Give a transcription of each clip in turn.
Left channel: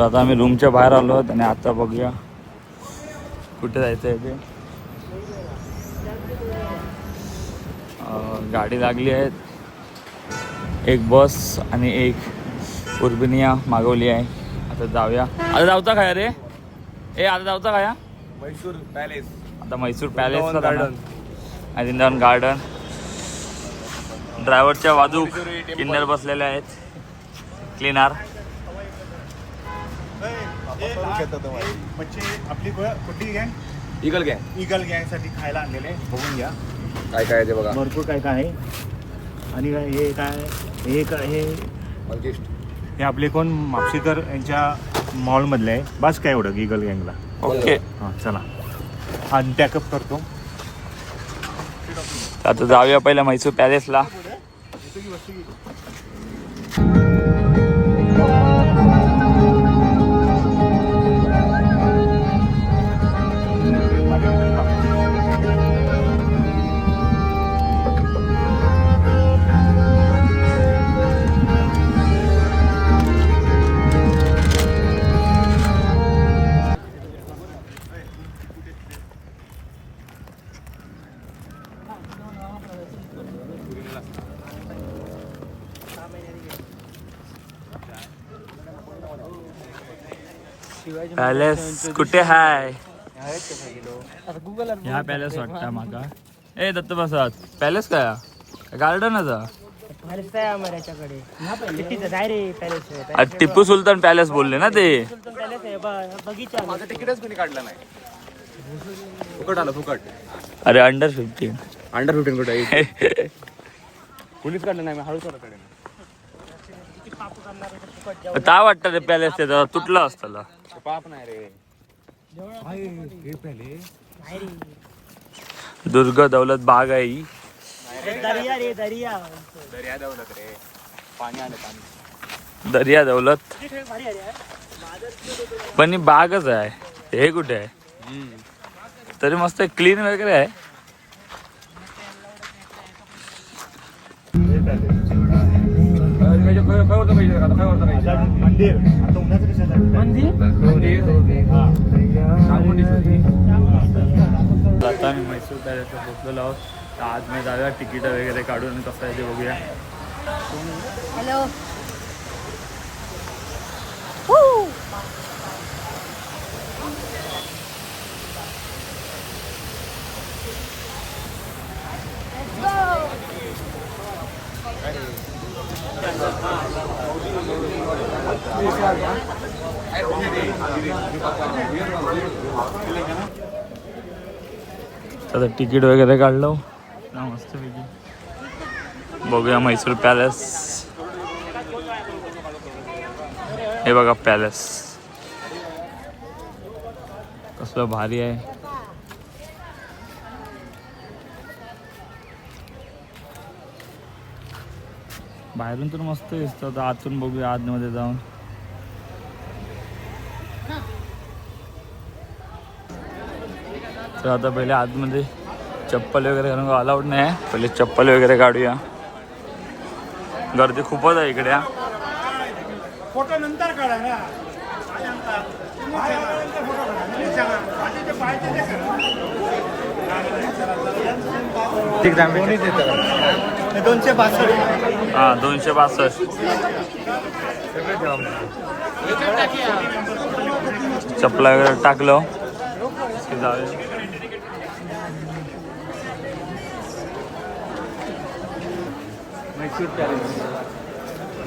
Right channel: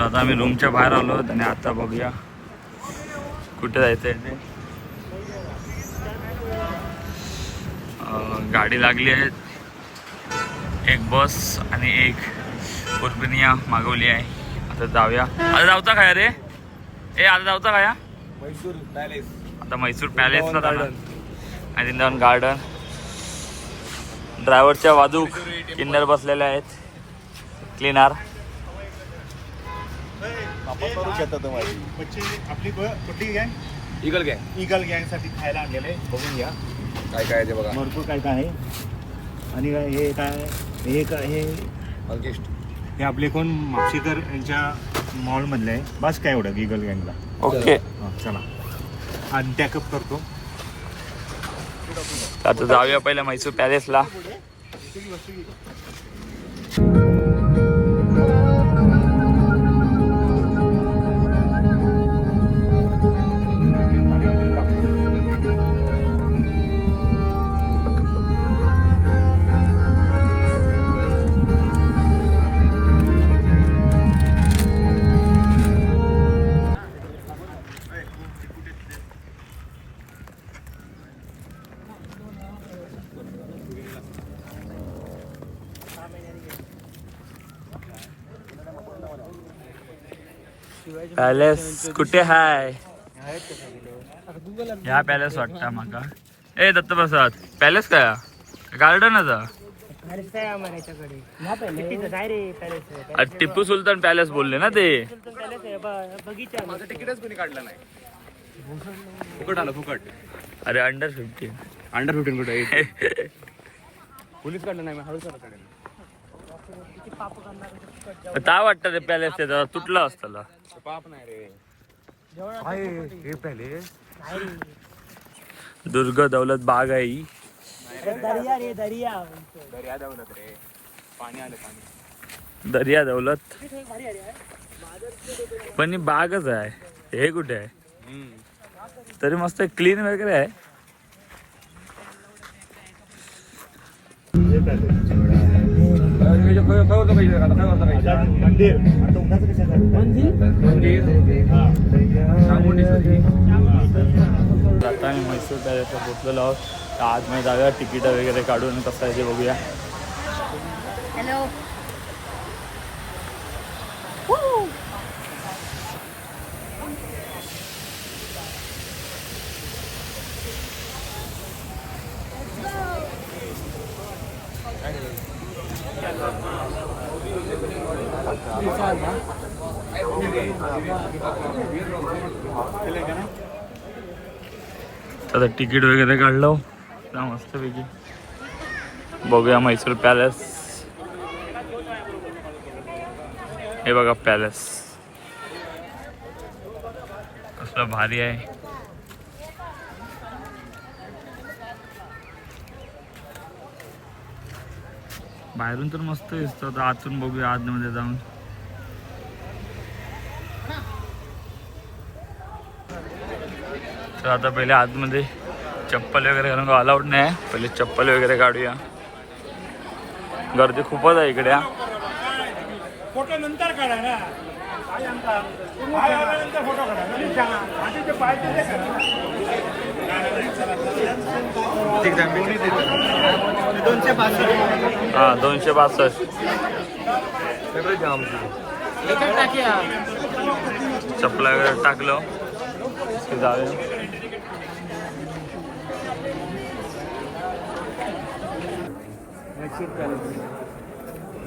तर आता आम्ही रूमच्या बाहेर आलो आहोत आणि आता बघूया कुठे जायचं आहे ते. गाडी लागली आहे, एक बस आणि एक उर्बिनिया मागवली आहे. आता जाऊया. आता जाऊता काय रे? आता जाऊता काय? मैसूर पॅलेस. आता मैसूर पॅलेसला जाणार. वृंदावन गार्डन. ड्रायव्हरच्या बाजू किन्नर बसलेले आहेत, क्लीनर. आपली कुठली गँग? इगल गँग. इगल गँग साठी खायला आणलेले, बघून घ्या काय काय आहे बघा. भरपूर काय काय आहे. आणि हे काय हे आपले कोण मापशीकर यांच्या मॉल मधले आहे. बस काय एवढं इगल गँगला. ओके चला आणि टॅकअप करतो. आता जाऊया पहिला मैसूर पॅलेसला. पॅलेस कुठे हाय? ह्या पॅलेस वाटतं माका. ए दत्त प्रसाद, पॅलेस काय? गार्डनच टिप्पू सुलतान पॅलेस बोलले ना ते. फुकट आलं फुकट. अरे अंडर 15. अंडर 15 कुठे आहे? कुणीच काढलं नाही. हळूच काढलं. काय वाटतं ते पॅलेस त्याचा तुटला असताना. पाप नाही रे. हे पॅलेस दुर्ग दौलत बाग आहे ही. दर्या दौलत रे. पाणी आलं पाणी. दर्या दौलत पण ही बागच आहे. हे कुठे आहे? तरी मस्त क्लीन वगैरे आहे. आता आम्ही मैसूर पॅलेसला पोहोचलेलो आहोत. तर आज मी जाऊया तिकीट वगैरे काढून कसं आहे ते बघूया. हॅलो. आता तिकीट वगैरे काढलो मस्तपैकी. बघूया मैसूर पॅलेस. हे बघा पॅलेस कसलं भारी आहे. बाहेरून तर मस्त दिसतं. आता आतून बघूया आतमध्ये जाऊन. तर आता पहिले आतमध्ये चप्पल वगैरे घालून अलाउड नाही आहे. पहिले चप्पल वगैरे काढूया. गर्दी खूपच आहे इकडे. फोटो नंतर काढा ना. हां 262. चप्पला वगैरे टाकलं की जाऊया.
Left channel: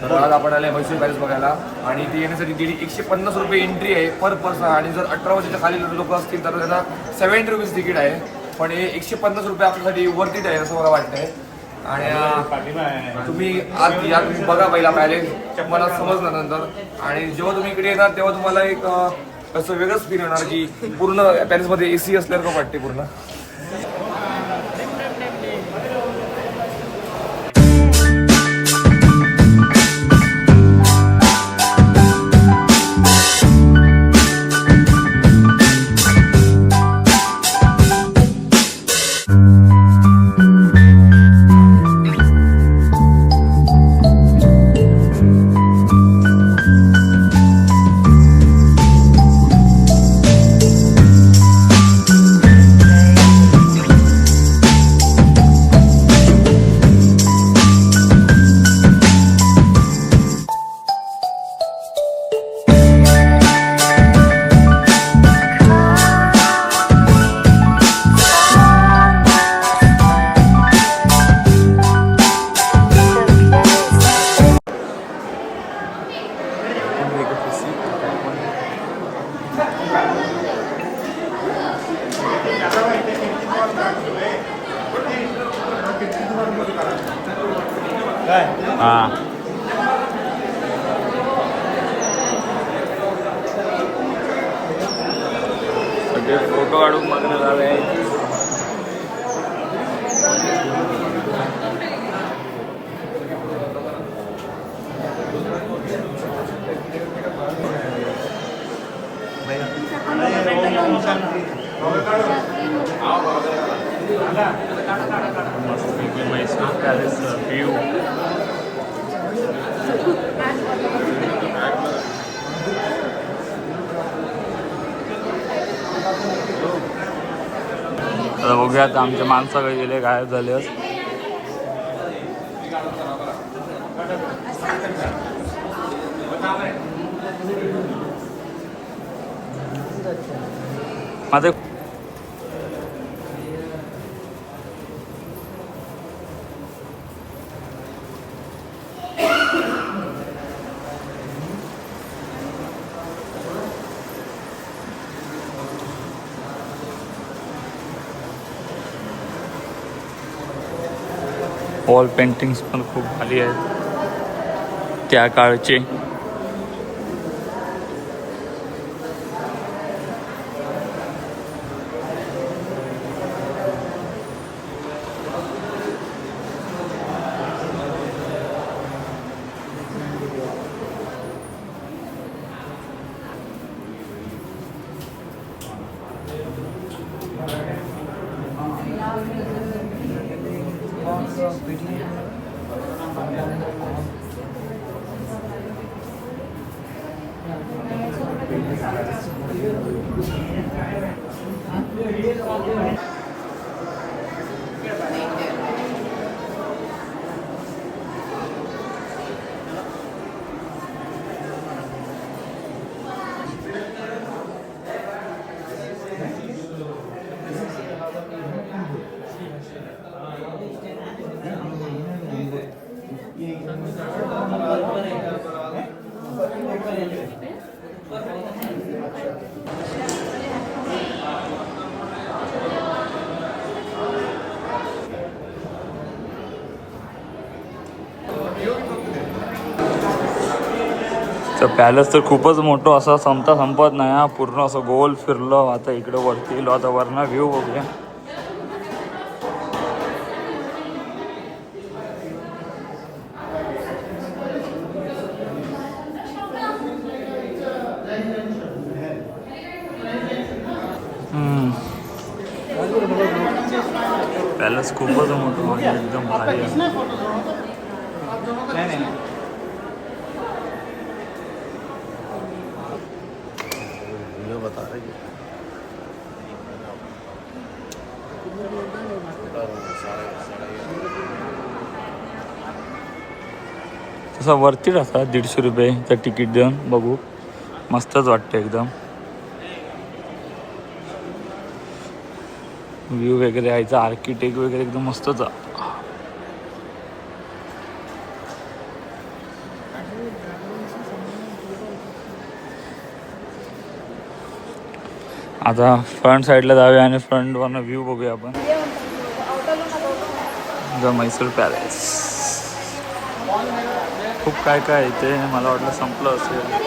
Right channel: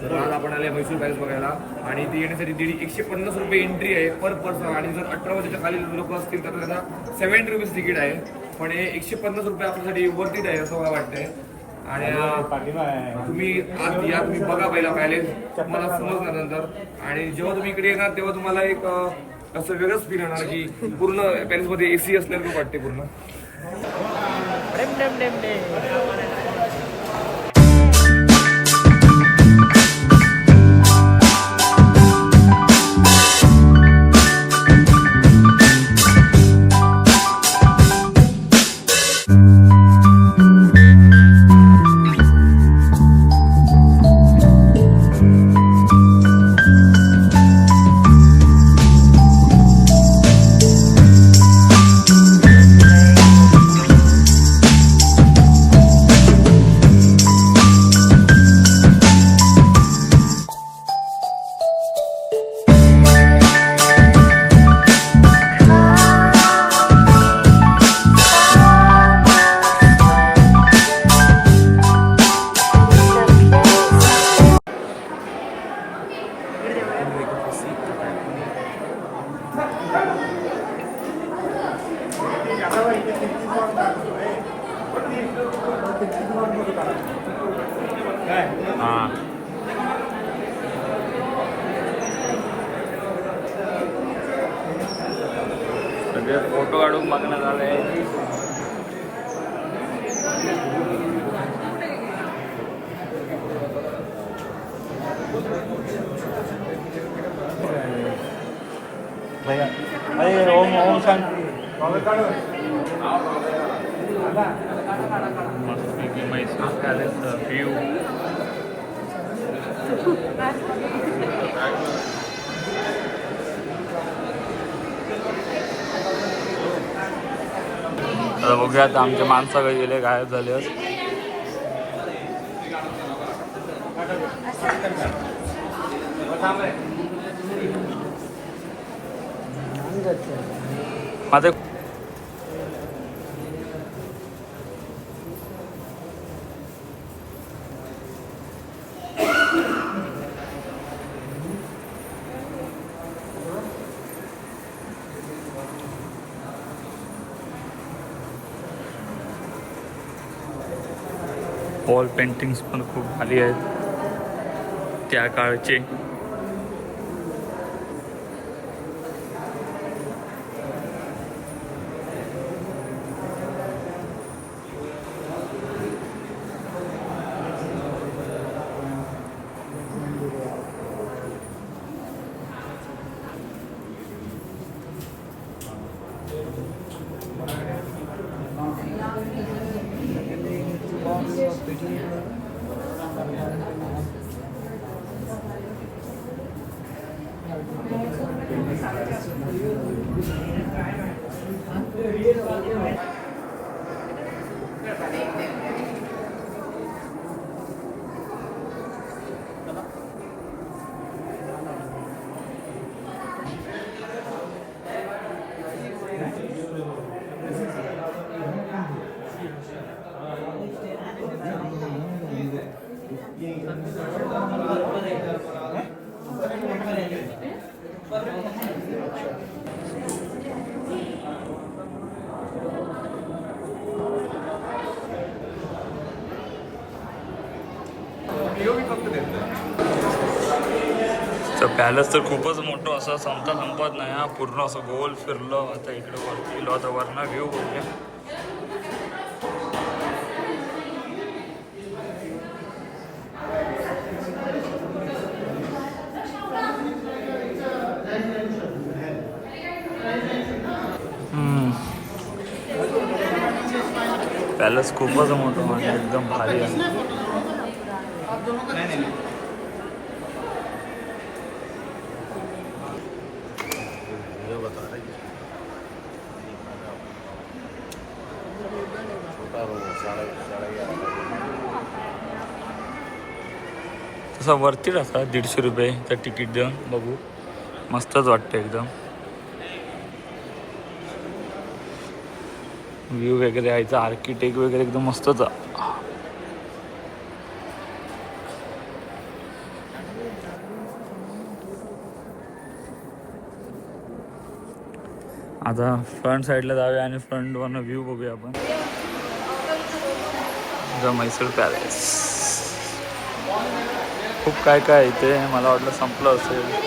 तर आज आपण आले मैसूर पॅलेस बघायला आणि ती येण्यासाठी 150 रुपये एंट्री आहे पर पर्सन. आणि जर 18 वर्षाच्या खाली लोक असतील तर त्यांना 70 रुपीज तिकीट आहे. पण हे 150 रुपये आपल्यासाठी वर्थ इट आहे असं मला वाटतंय. आणि तुम्ही आज या, तुम्ही बघा पहिला पॅलेस, तुम्हाला समजणार नंतर. आणि जेव्हा तुम्ही इकडे येणार तेव्हा तुम्हाला एक असं वेगळंच फील होणार की पूर्ण पॅलेसमध्ये AC असल्यासारखं वाटते पूर्ण. सगळे फोटो काढून मागण्यात आले. मस्तपैकी म्हैसूर पॅलेस व्ह्यू. आता बघूया आता आमचे माणसाकडे गेले, गायब झाले. माझे वॉल पेंटिंग्स पण खूप भारी आहेत त्या काळचे. पॅलेस तर खूपच मोठं असं संपत नाही हा. पूर्ण असं गोल फिरलं. आता इकडे वरती गेलो, आता वरनं व्ह्यू बघूया. पॅलेस खूपच मोठं आणि एकदम भारी आहे. तसं वरतीच असा 150 रुपयेचं तिकीट देऊन बघू. मस्तच वाटतं एकदम. व्ह्यू वगैरे यायचा, आर्किटेक्ट वगैरे एकदम मस्तच. आता फ्रंट साईडला जाऊया आणि फ्रंट वरनं व्ह्यू बघूया आपण. म्हैसूर पॅलेस खूप काय काय इथे. मला वाटलं संपलं असेल.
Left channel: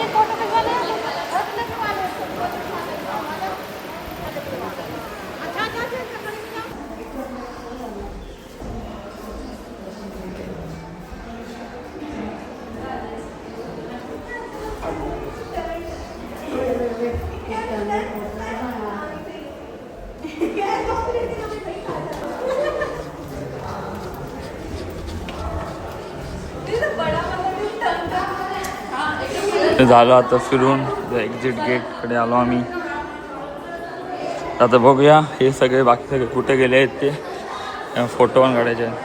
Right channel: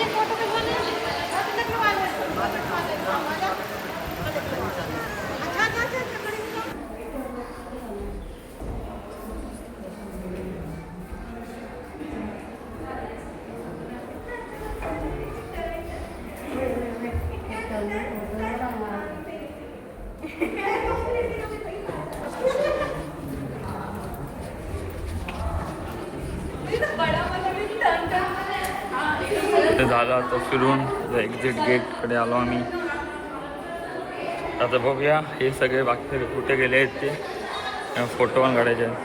झालं आता फिरून एक्झिट गेटकडे आलो आम्ही. आता बघूया हे सगळे बाकी सगळे कुठे गेले आहेत ते. फोटो पण काढायचे आहेत.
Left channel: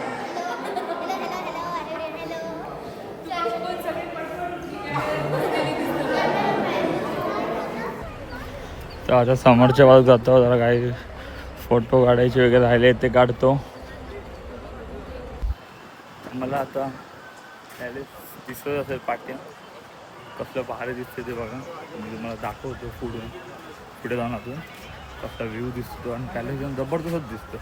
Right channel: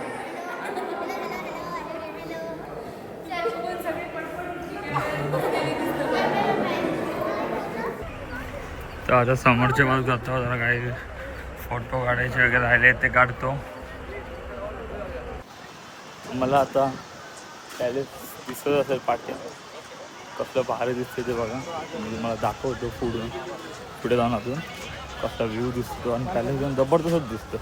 तर आता समोरच्या बाजूला जातो. जरा काही फोटो काढायचे वगैरे राहिले ते काढतो. मला आता पॅलेस दिसत असेल पाठी. कसलं भारी दिसते ते बघा. म्हणजे मला दाखवतो पुढे जाऊन अजून कसला व्ह्यू दिसतो. आणि पॅलेस एकदम जबरदस्त दिसतं.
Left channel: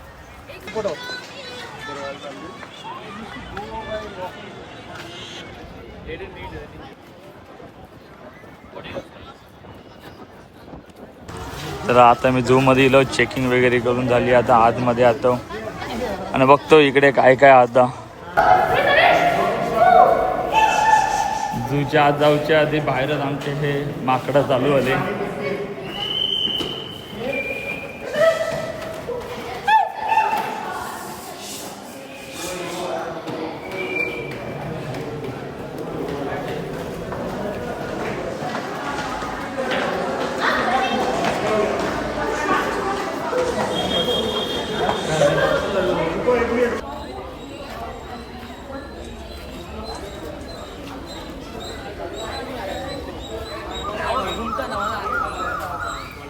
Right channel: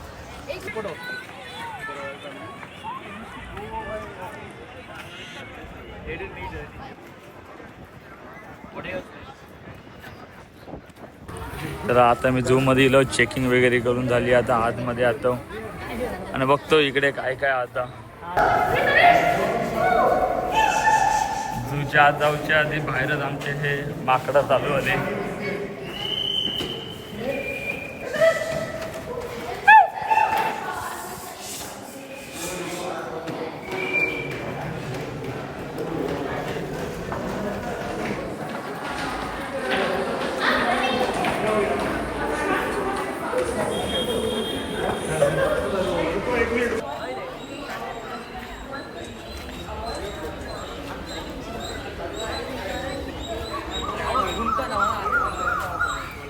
तर आता मी झू मध्ये गेलो, चेकिंग वगैरे करून झाली. आता आतमध्ये आतो आणि बघतो इकडे काय काय आता. झूच्या आत जाऊच्या आधी बाहेरच आमचे हे माकडं चालू होते.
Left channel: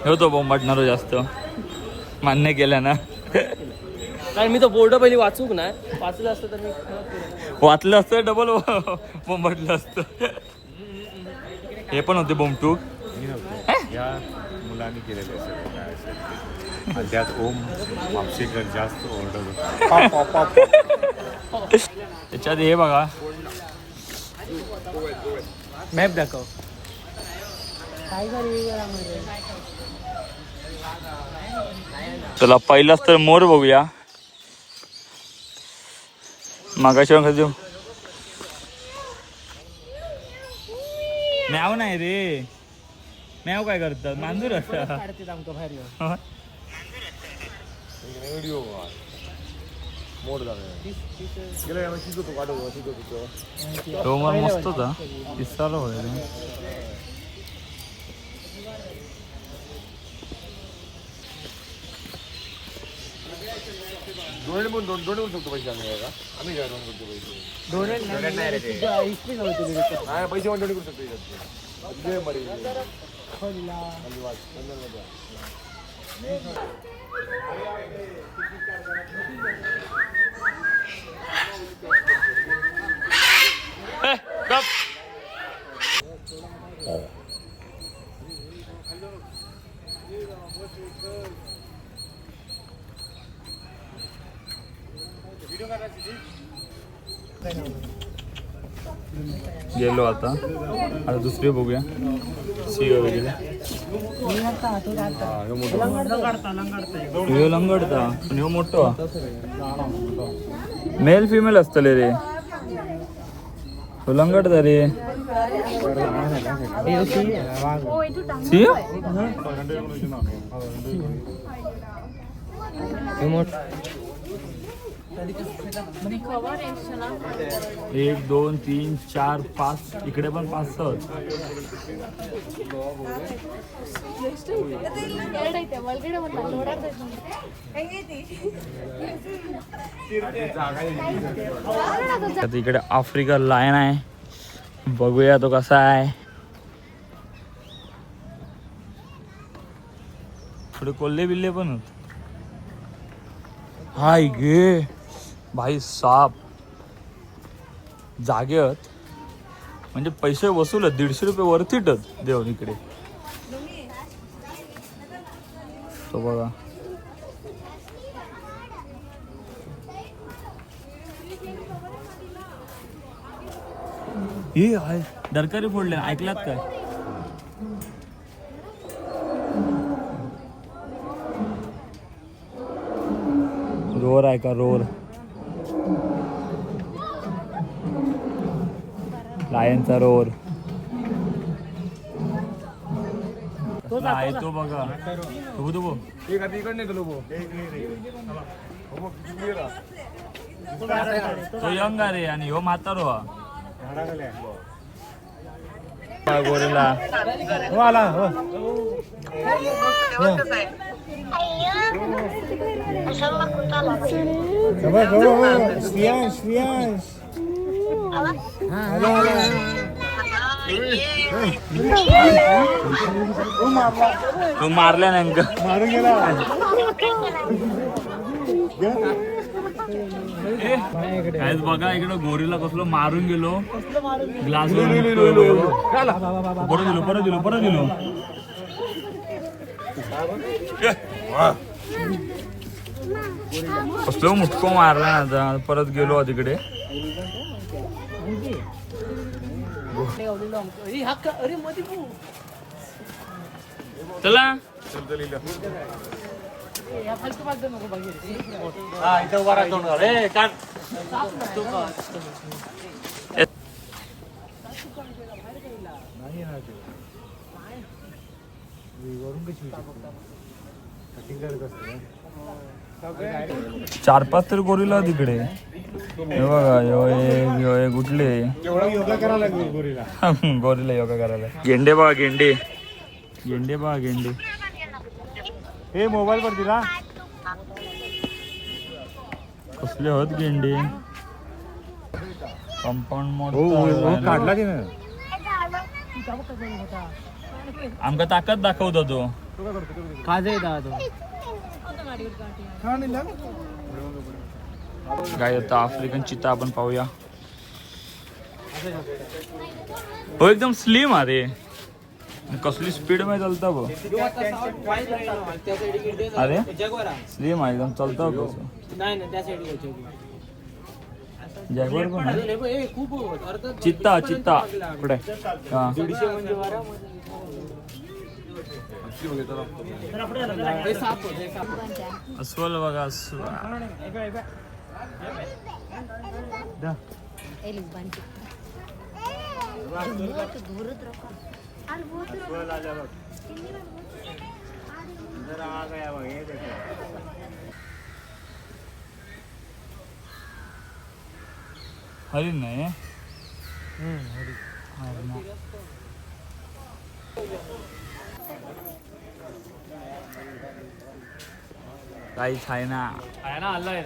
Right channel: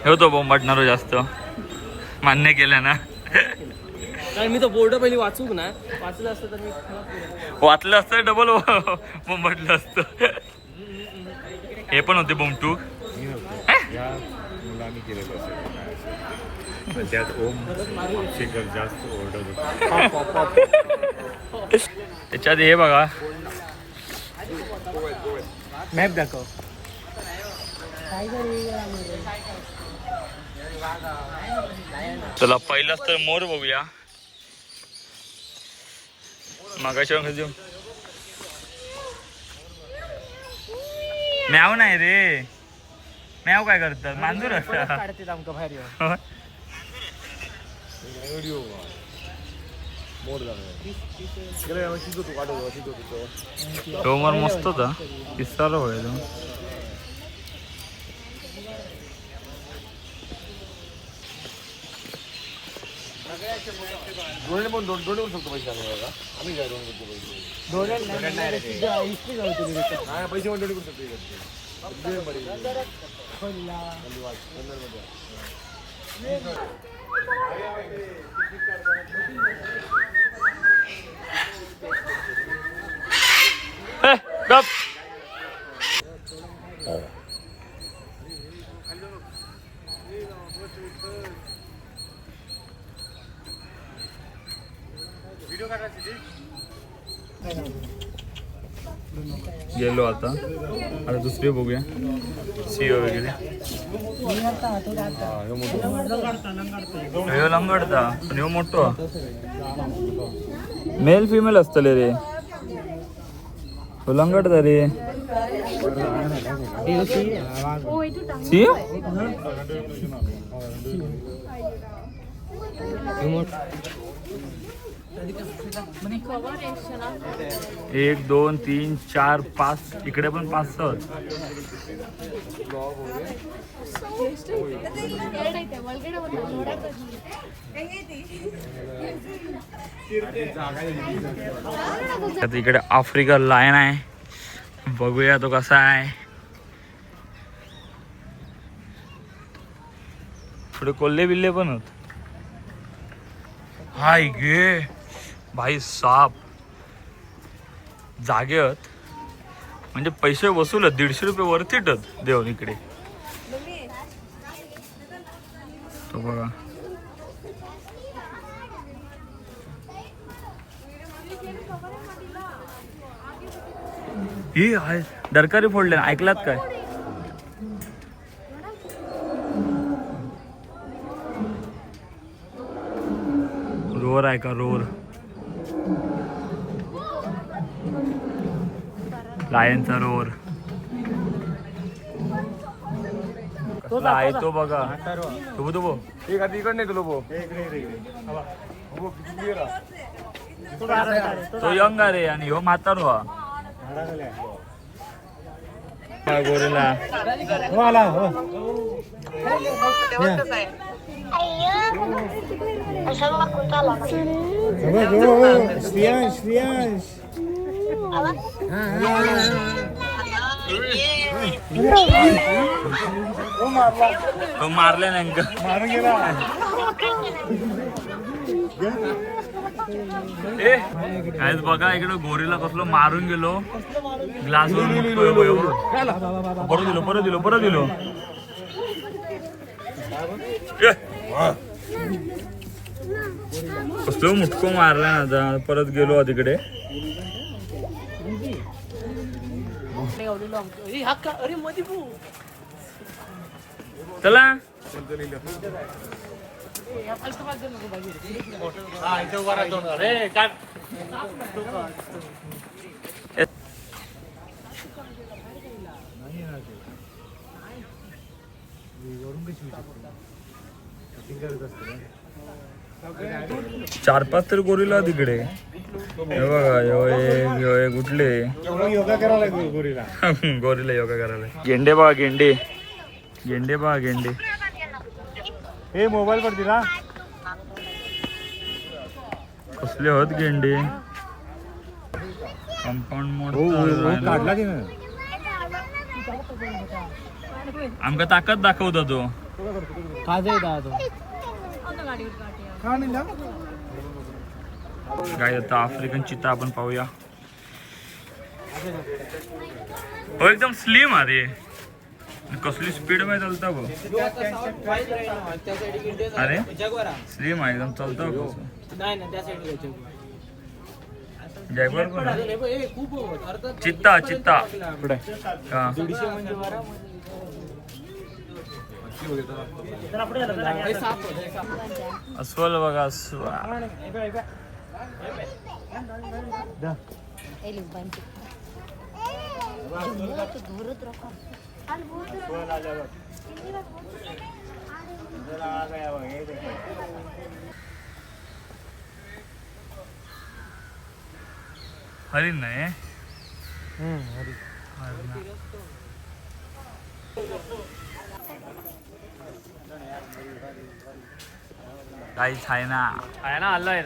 होतो बोंबाटणारो जास्त मान्य केलं ना. कारण मी तो बोर्ड पहिली वाचूक ना, वाचलं असतं तर मी वाचलं असतं डबल बोंबाटलं असतं. हे पण होते बोंबटूक. या मुलांनी केलेले असेल त्यात ओम मापसेकर जास्त ओरडत. त्याच्यात हे बघा मॅप दाखव. चला पहिलाच तर मोर बघूया. मागाशी मॅव नाही रे, मॅव काय करतात मांजूर असतात. तो मोर मस्त होता, किस्साला व्हायला. गप. गेलो आता दुसरी बघूया. सिंह वगैरे लंगडता पण ह्यो मोठो मेल फिमेल असतले रे. लंगडता रे सिंह. 1 2 3 4 5 इकडे पण 5-6. इकडे आफ्रिका लायन आहे, बघूया तो कसा आहे. थोडे कोल्हे बिल्ले पण होत. हाय गे भाई साप जागेत म्हणजे पैसे वसूल 150 रुपये वरतीटच देऊन इकडे. तो बघा ही आहे दरकारी फोडले ना, ऐकलात काय? रोर आहे का रोर? लायनचा रोर आहे तो बघा. तो यंग रे आणि ह्यो म्हातारो हा. गोरीला मारल्या नेमकं. काय बघा इकडे गोरीला कसलो मारून गेलो. ग्लास परत दिलो. कसलो मुटको मारला ना आता. परत गेलो तिकडे. चला वरून कशी कटिंग करत असते. 4-5 तर गोरीला तिकडे. हे बघा यो एक उठले. योगा करायला लागेल गोरीला. गोरीला योगा करायला. गेंडे बघा गेंडे. गेंडे बघा गेंडे. हे मोबाईल वर दिला. कसले होत गेंडे. कंपाऊंड मोड काढला की आमका ताकद दाखवतो तो. काय आता आफ्रिकन चित्ता आपण पाहूया. हो एकदम स्लिम अरे. कसली स्पीड मध्ये चालता बघ. अरे स्लिम आहे एकदम चालता बघ. जॅगवार कोण आहे? चित्ता चित्ता पुढे. हा. अस्वल बघा अस्वल. हरिण नाही. काहीच आहे ना. आलाय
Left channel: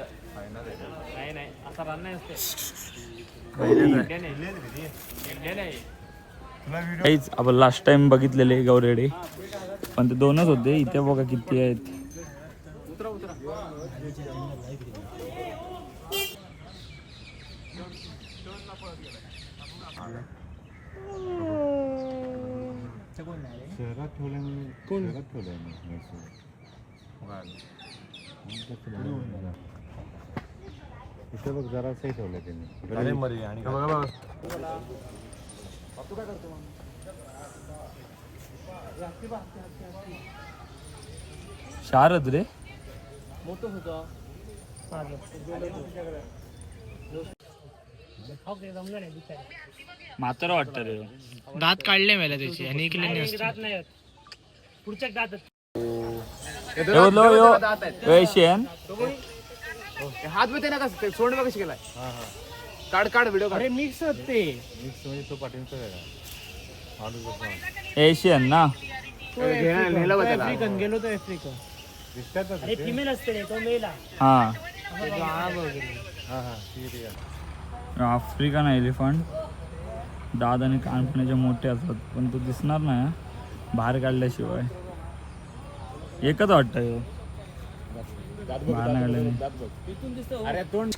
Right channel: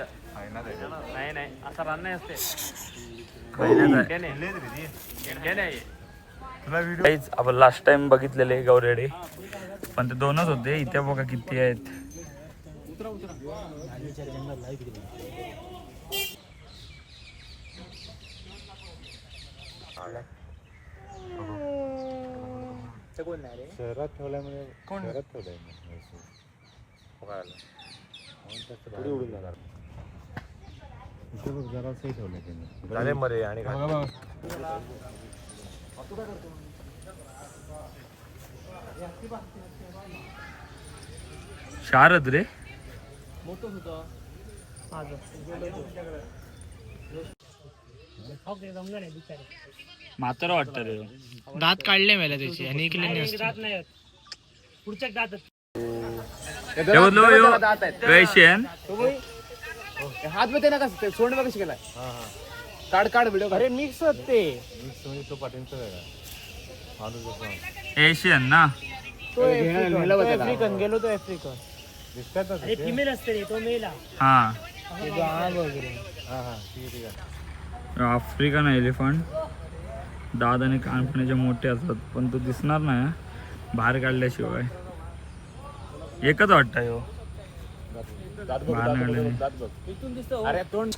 नाही नाही असं रान नाही असते. काहीच आपण लास्ट टाइम बघितलेले गौरेडे पण ते 2च होते. इथे बघा किती आहेत. शहरात ठेवल्यामुळे कोण शहरात इथे बघ जरासही ठेवलं त्यांनी. शारद रे. म्हातारा वाटत रे. दात काढले मला त्याचे आणि पुढच्या दात हे बोललो यो एशियन. हात मध्ये ना कसं सोड कशी केलाय. काढ काढ व्हिडिओ काढ. मिक्स होते. मिक्स म्हणजे तो पाटीलचा वेगळा. एशियन ना. आफ्रिकन गेलो तो आफ्रिका. दिसतात फिमेल असते तो मेल. हा आफ्रिकन एलिफंट. दात आणि कानपणाचे मोठे असतात पण तो दिसणार नाही बाहेर काढल्याशिवाय. एकच वाटतं ह्यो बाहेर नाही काढल्याने. अरे तोंड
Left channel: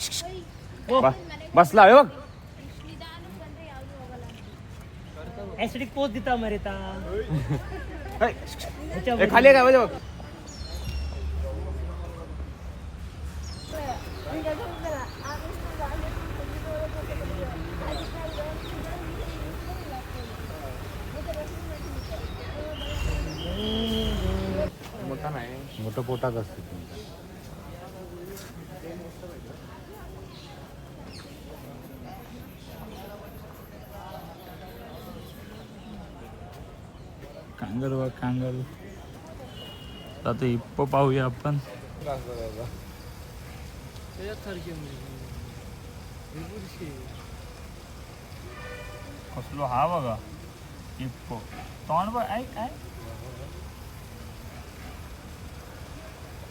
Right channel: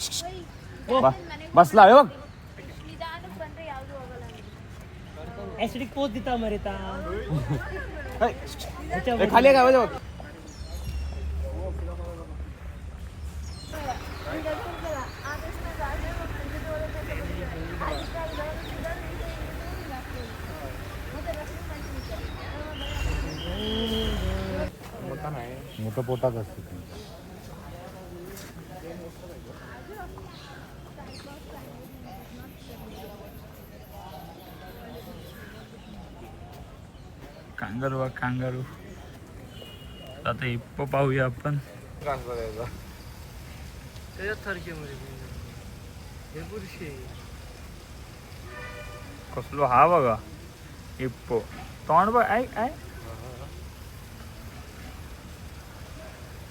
बसला बघ. ऍसिडिक पोच देता मरे ता. खाली काय बघ. मोठं पोटात असतं. Kangaroo kangaroo. आता हिप्पो पाहूया आपण. कसलो हा बघा हिप्पो. तोंड बघ. ऐक ऐक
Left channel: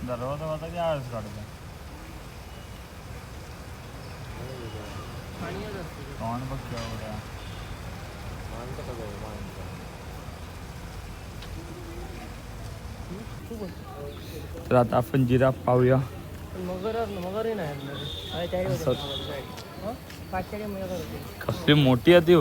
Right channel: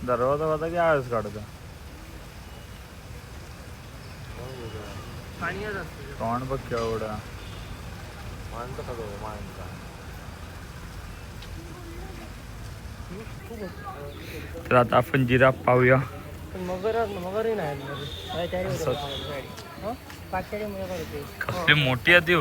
दरवाजा होता की आळस काढता. तोंड बघ केवढा. तर आता आपण जिराफ पाहूया. कसली मोठी आहे ती.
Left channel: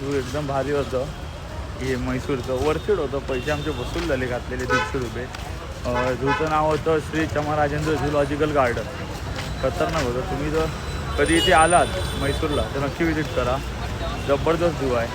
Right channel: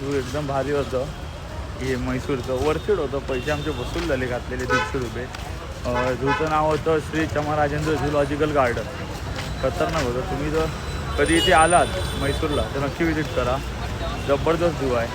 झू एकदम भारी होतं. हे म्हैसूरचं वरचीड होतं. पैसे आमचे वसूल झाले घातलेले 150 रुपये. झूचं नाव होतं श्री चमराजेंद्र झूलॉजिकल गार्डन. खतरनाक होतं. तुम्ही जर कधी इथे आलात म्हैसूरला तर नक्की विजिट करा. जबरदस्त झू आहे.